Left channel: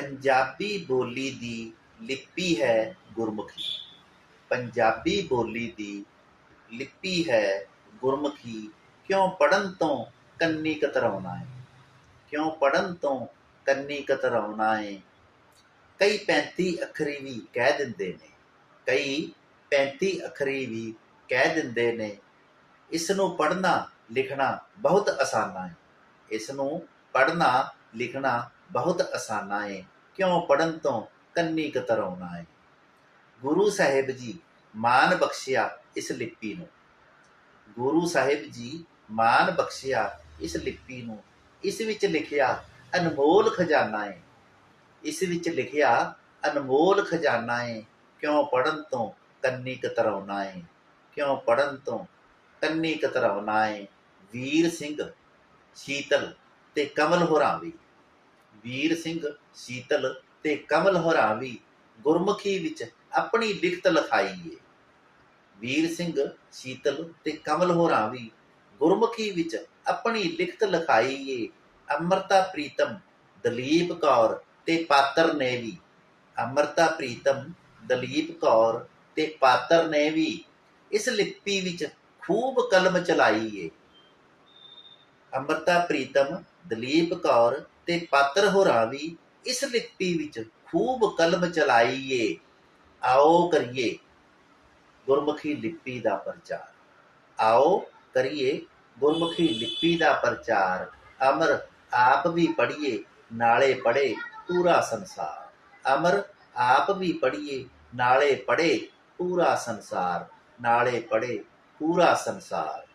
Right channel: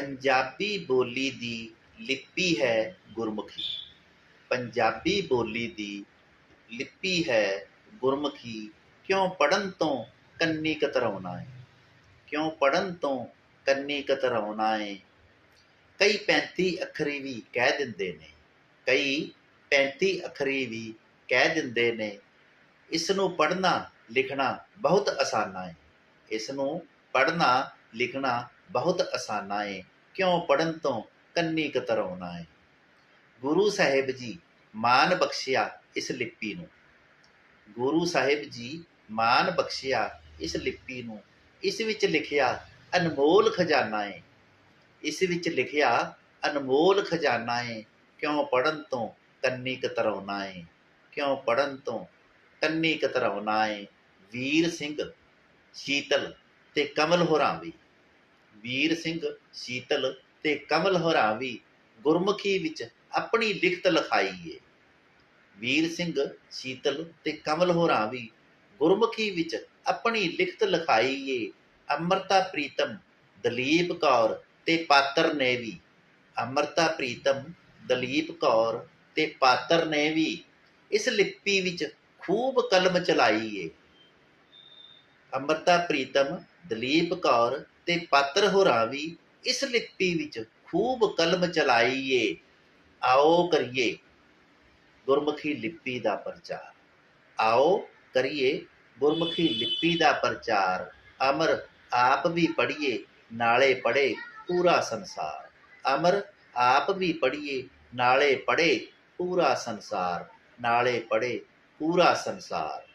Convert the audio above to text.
ਪੰਜਾਬੀ ਬੋਲੀ ਦੀ ਲਿਪੀ ਹੈ ਗੁਰਮੁਖੀ। ਪੰਜਾਬੀ ਬੋਲੀ ਦੀ ਲਿਪੀ ਹੈ ਗੁਰਮੁਖੀ। ਕਿਉਂ ਪੜਨ ਤੋਂ ਕੰਨੀ ਕਤਰਾਉਣਾ ਹੈ ਕਿਉਂ ਪੜਨ ਤੋਂ ਕੰਨੀ ਕਤਰਾਉਣਾ ਹੈ ਕਈ 35 ਅੱਖਰੀ ਵੀ ਕਹਿ ਦਿੰਦੇ ਨੇ। ਕਈ 35 ਅੱਖਰੀ ਵੀ ਕਹਿ ਦਿੰਦੇ ਨੇ। ਇਸ ਨੂੰ ਪੜਨਾ ਲਿਖਣਾ ਬਹੁਤ ਆਸਾਨ ਹੈ ਇਸ ਨੂੰ ਪੜਨਾ ਲਿਖਣਾ ਬਹੁਤ ਆਸਾਨਾ ਏ ਕਿਉਂ ਪੜਨ ਤੋਂ ਕੰਨੀ ਕਤਰਾਉਣਾ ਹੈ ਗੁਰੂ ਸਾਹਿਬ ਜੀ ਮਾਨ ਬਖਸ਼ਿਆ ਇਸ ਲਿਪੀ ਨੂੰ। ਗੁਰੂ ਸਾਹਿਬ ਜੀ ਮਾਨ ਬਖਸ਼ਿਆ ਇਸ ਲਿਪੀ ਨੂੰ। ਇਸ ਵਿੱਚ ਲਿਖਿਆ ਅਨਮੋਲ ਖਜ਼ਾਨਾ ਹੈ ਇਸ ਵਿੱਚ ਲਿਖਿਆ ਅਨਮੋਲ ਖਜ਼ਾਨਾ ਏ। ਕਿਉਂ ਪੜਨ ਤੋਂ ਕੰਨੀ ਕਤਰਾਉਣਾ ਏ ਕਿਉਂ ਪੜਨ ਤੋਂ ਕੰਨੀ ਕਤਰਾਉਣਾ ਏ ਵੀਰ ਸਿੰਘ, ਸ਼ੀਤਲ ਤੇ ਕਮਲ ਹੋਰਾਂ ਵੀ। ਵੀਰ ਸਿੰਘ, ਸ਼ੀਤਲ ਤੇ ਕਮਲ ਹੋਰਾਵੀ ਗੁਰਮੁਖੀ ਵਿੱਚ ਆਪਣੀ ਲਿਖਤ ਲਿਖਾਈ ਏ। ਵੀਰ ਸਿੰਘ, ਸ਼ੀਤਲ ਤੇ ਕਮਲ ਹੋਰਾਵੀ ਗੁਰਮੁਖੀ ਵਿੱਚ ਆਪਣੀ ਲਿਖਤ ਲਿਖਾਈ ਏ। ਅਮਰਤਾ ਪ੍ਰੀਤਮ, ਦਲੀਪ ਕੌਰ ਤੇ ਪਾਤਰ ਨੇ ਵੀ। ਅਮਰਤਾ ਪ੍ਰੀਤਮ, ਦਲੀਪ ਕੌਰ ਤੇ ਪਾਤਰ ਨੇ ਵੀ ਇਸ ਲਿਪੀ ਵਿੱਚ ਖੂਬ ਕਲਮ ਚਲਾਈ ਏ। ਅਮਰਤਾ ਪ੍ਰੀਤਮ ਦਲੀਪ ਕੌਰ ਤੇ ਪਾਤਰ ਹੋਰਾਂ ਵੀ ਇਸ ਲਿਪੀ ਵਿੱਚ ਖੂਬ ਕਲਮ ਚਲਾਈਏ। ਏ ਆਓ ਕਰੀਏ ਗੁਰਮੁਖੀ ਲਿਪੀ ਦਾ ਪ੍ਰਚਾਰ। ਆਓ ਕਰੀਏ ਗੁਰਮੁਖੀ ਲਿਪੀ ਦਾ ਪ੍ਰਚਾਰ। ਅਮਰ ਆਪ ਵੀ ਪੜ੍ਹੀਏ, ਨਾਲੇ ਪੜ੍ਹੇ ਪੂਰਾ ਸੰਸਾਰ। ਅਮਰ ਆਪ ਵੀ ਪੜ੍ਹੀਏ, ਨਾਲੇ ਪੜ੍ਹੇ ਪੂਰਾ ਸੰਸਾਰ। ਨਾਲੇ ਪੜ੍ਹੇ ਪੂਰਾ ਸੰਸਾਰ।